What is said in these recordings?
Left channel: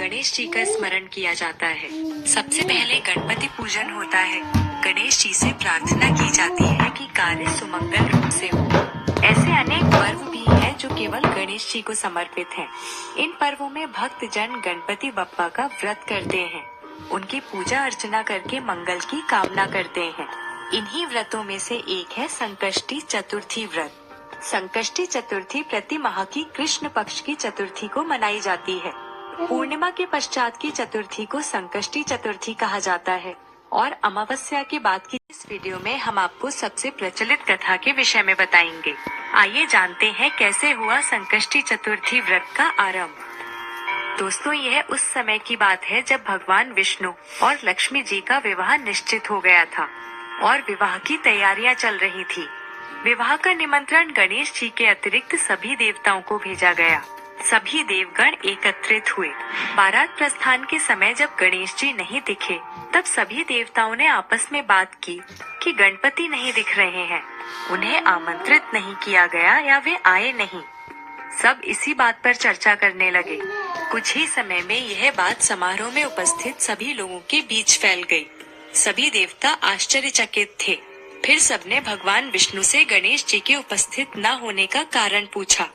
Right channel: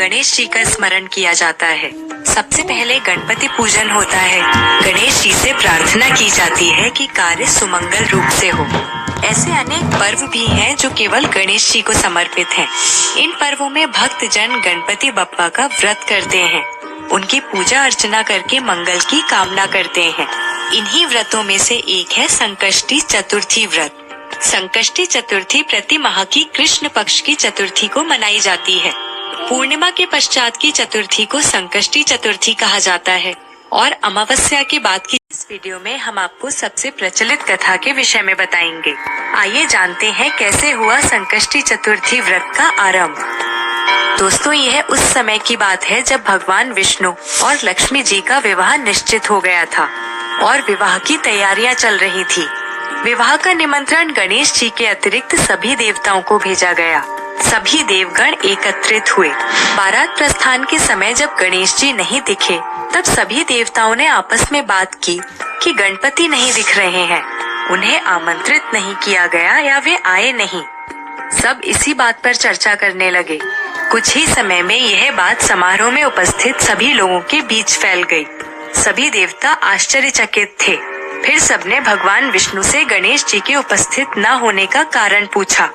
गणेश जी का स्मरण किया जाता है। सबसे पहले गणपति पूजन होता है। गणेश जी से प्रार्थना की जाती है कि कार्य सुमंगल रूप से हो। ऐसे अनेक पर्व भी हैं जो केवल गणेश जी को समर्पित हैं। इन पर्वों में भक्त जन गणपति बप्पा का व्रत करते हैं। उनकी पूजा अर्चना करके मंगल की कामना करते हैं। इन्हीं व्रतों में से एक है संकष्टी चतुर्थी व्रत। संकष्टी चतुर्थी प्रति माह की कृष्ण पक्ष की चतुर्थी को मनाई जाती है। पूर्णिमा के पश्चात की चतुर्थी को संकष्टी चतुर्थी कहा जाता है और अमावस्या के बाद की इस वीडियो में हम आपको सबसे प्रचलित कथा के विषय में बताएंगे। आइए जानते हैं कैसे हुआ संकष्टी चतुर्थी व्रत का आरंभ। दोस्तों, यह उस समय की बात है जब भगवान विष्णु और लक्ष्मी जी का विवाह निश्चित हो गया था और विवाह की तैयारियां चल रही थी। विवाह का निमंत्रण गणेश जी के अतिरिक्त सभी देवताओं को भेजा गया। सभी देवगण एकत्रित हुए। बारात प्रस्थान के समय जब गणेश जी नहीं दिखे, तब सभी देवताओं ने आपस में बात की कि गणपति नहीं दिख रहे हैं, उन्हें आमंत्रित नहीं किया गया या वे आए नहीं। सब इसी बात पर चर्चा करने लगे। कुछ ही समय में यह बात समारोह में उपस्थित सभी लोगों के बीच फैल गई। सभी देवता आश्चर्यचकित थे। फिर सबने भगवान विष्णु से गणेश जी के उपस्थित न होने का कारण पूछा।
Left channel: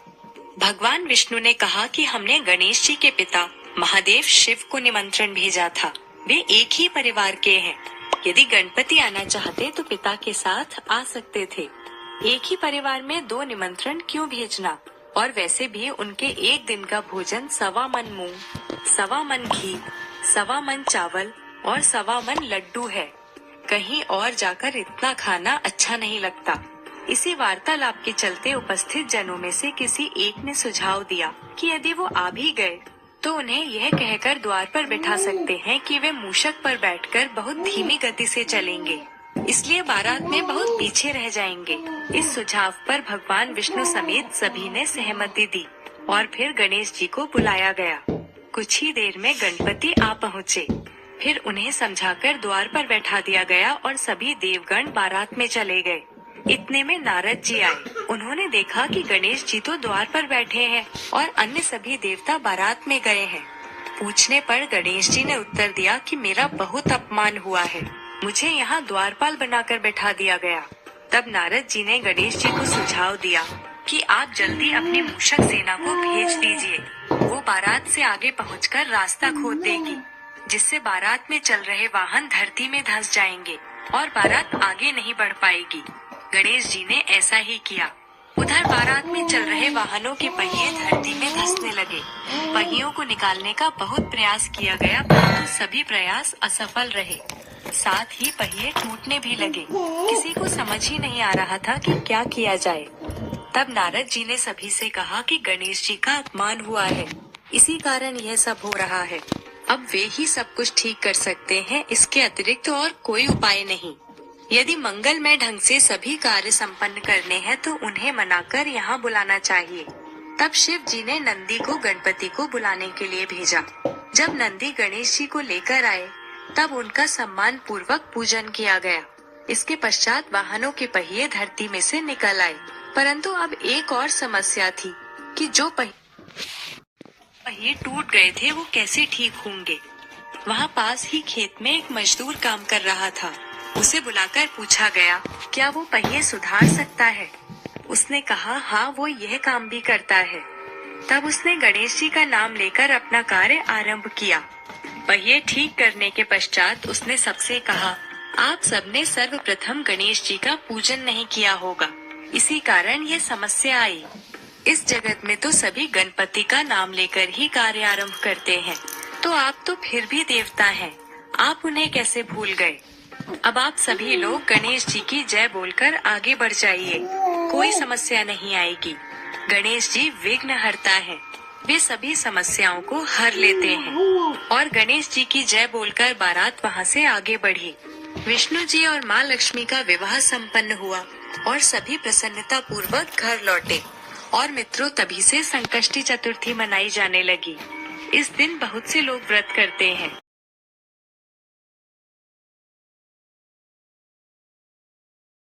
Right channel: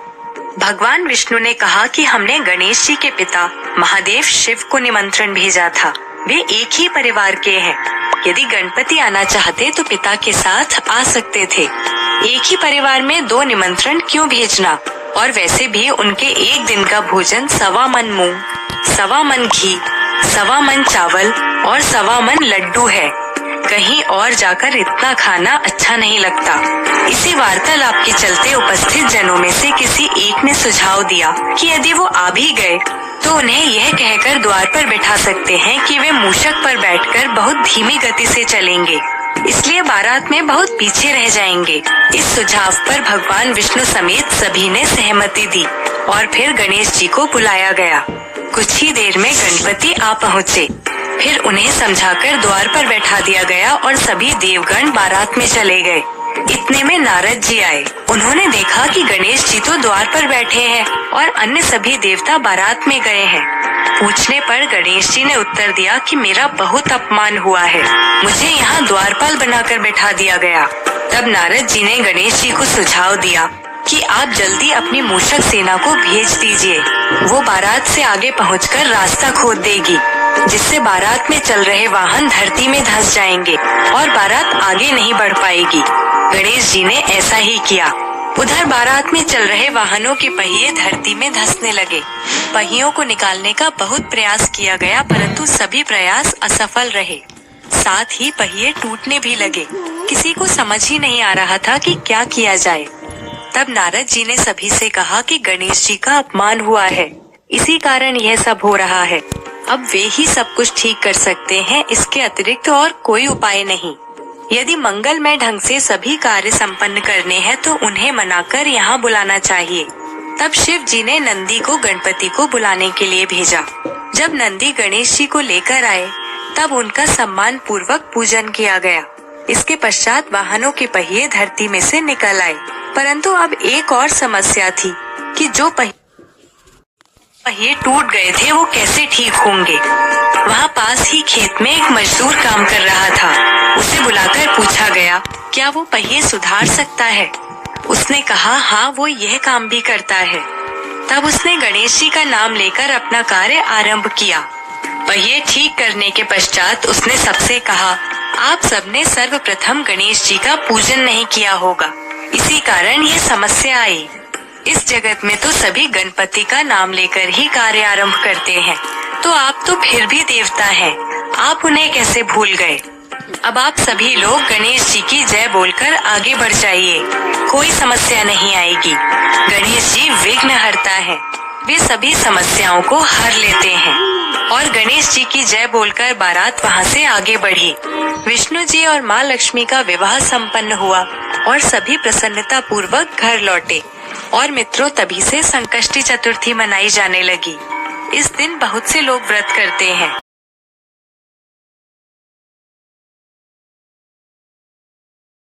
भगवान विष्णु ने कहा कि हमने गणेश जी के पिता महादेव शिव को निमंत्रण भेजा था। वे एक ही परिवार के हैं। यदि गणपति आना चाहते तो पिता के साथ आ सकते थे। एक ही परिवार में दो निमंत्रण क्यों भेजना? और वैसे भी उनके एक दिन का भोजन 1.25 मन मूंग, 1.25 मन घी, 1.25 मन चावल और 1.25 मन लड्डू है। कहीं और जाकर इतना खाना अच्छा नहीं लगता। इसी वार्तालाप के चलते उपस्थित जनों में से किसी एक ने सुझाव दिया कि यदि वो आ भी गए तो उन्हें यह कहकर द्वार पर बैठा सकते हैं कि वे मूषक पर बैठकर बहुत धीमी गति से चलेंगे, इसलिए बारात में बहुत पीछे रह जाएंगे। इस सुझाव पर भगवान विष्णु समेत सभी ने सहमति दी और फिर गणेश जी को बुलाया गया। कुछ ही देर में गणपति आ पहुँचे। फिर उन्हें समझाकर द्वार पर बैठा दिया गया और सभी देवगण बारात में चले गए। इतने में नारद जी आए। उन्होंने देखा कि गणेश जी तो द्वार पर बैठे हैं और अन्य सभी देवता बारात में गए हैं। पूछने पर गणेश जी ने उत्तर दिया कि मेरा बहुत अपमान हुआ है, मुझे यहाँ द्वारपाल बनाकर बैठा दिया गया। तब नारद जी ने गणेश जी को सुझाव दिया कि आप जल्दी अपनी मूषक सेना को भेज दीजिए। वो बारात से आगे पहुंचकर रास्ता खोद देगी, जिससे बारात में चल रहे वाहन धरती में धंस जाएंगे और बारात आगे नहीं बढ़ पाएगी। गणेश जी ने ऐसा ही किया। उधर बारात में चल रहे वाहनों के पहिए धरती में धंसने लगे। पहियों को निकालने का बहुत प्रयास किया गया, परंतु सभी प्रयास असफल रहे। साथ ही पहिए टूटने भी लगे। किसी को समझ ही नहीं आ रहा था कि क्या किया जाए। तब नारद जी ने सभी से कहा कि गणेश जी का अपमान हुआ है, इसी कारण यह सब हो रहा है। अब वे ही सब कुछ ठीक कर सकते हैं, इसके अतिरिक्त और कोई उपाय नहीं। यदि मंगलमय ढंग से सभी कार्य संपन्न करने हैं तो उन्हें मनाकर यहाँ बुलाना चाहिए। तब शिव जी ने नंदी को गणपति को बुलाने के लिए भेजा। जब नंदी गणेश जी को लेकर आए तब उनका सम्मान पूर्वक पूजन किया गया। इसके पश्चात वाहनों के पहिए धरती में से निकल आए। परंतु अब एक और समस्या थी कि जो पहिए टूट गए थे वो कैसे ठीक होंगे। वहाँ पास ही खेत में एक मजदूर काम कर रहा था। उसे बुलाकर पूछा गया, क्या वो पहिए सुधार सकता है? उसने कहा, हाँ, वो यह काम भी करता है। तब उसने गणेश जी का नाम लेकर अपना कार्य आरंभ किया। पहिए ठीक करने के पश्चात उसने सबसे कहा, आप सबने सर्वप्रथम गणेश जी का पूजन नहीं किया होगा, इसी कारण ये समस्या आई। इस जगत में तो सभी गणपति का नाम लेकर ही कार्य आरंभ करते हैं, तो आप तो फिर भी देवता हैं, आप उन्हें कैसे भूल गए? अब आप सभी लोग गणेश जी की जय बोलकर आगे बढ़ जाइए, कोई समस्या नहीं आएगी। गणेश जी विघ्नहर्ता है, वे सभी समस्याओं को हर लेते हैं। और गणेश जी की जय बोलकर बारात वहाँ से आगे बढ़ी। विष्णु जी और माँ लक्ष्मी का विवाह संपन्न हुआ और सभी प्रसन्नता पूर्वक घर लौटे। और मित्रों, तभी से संकष्टी चतुर्थी मनाई जाने लगी। इस दिन बहुत से लोग व्रत करते हैं।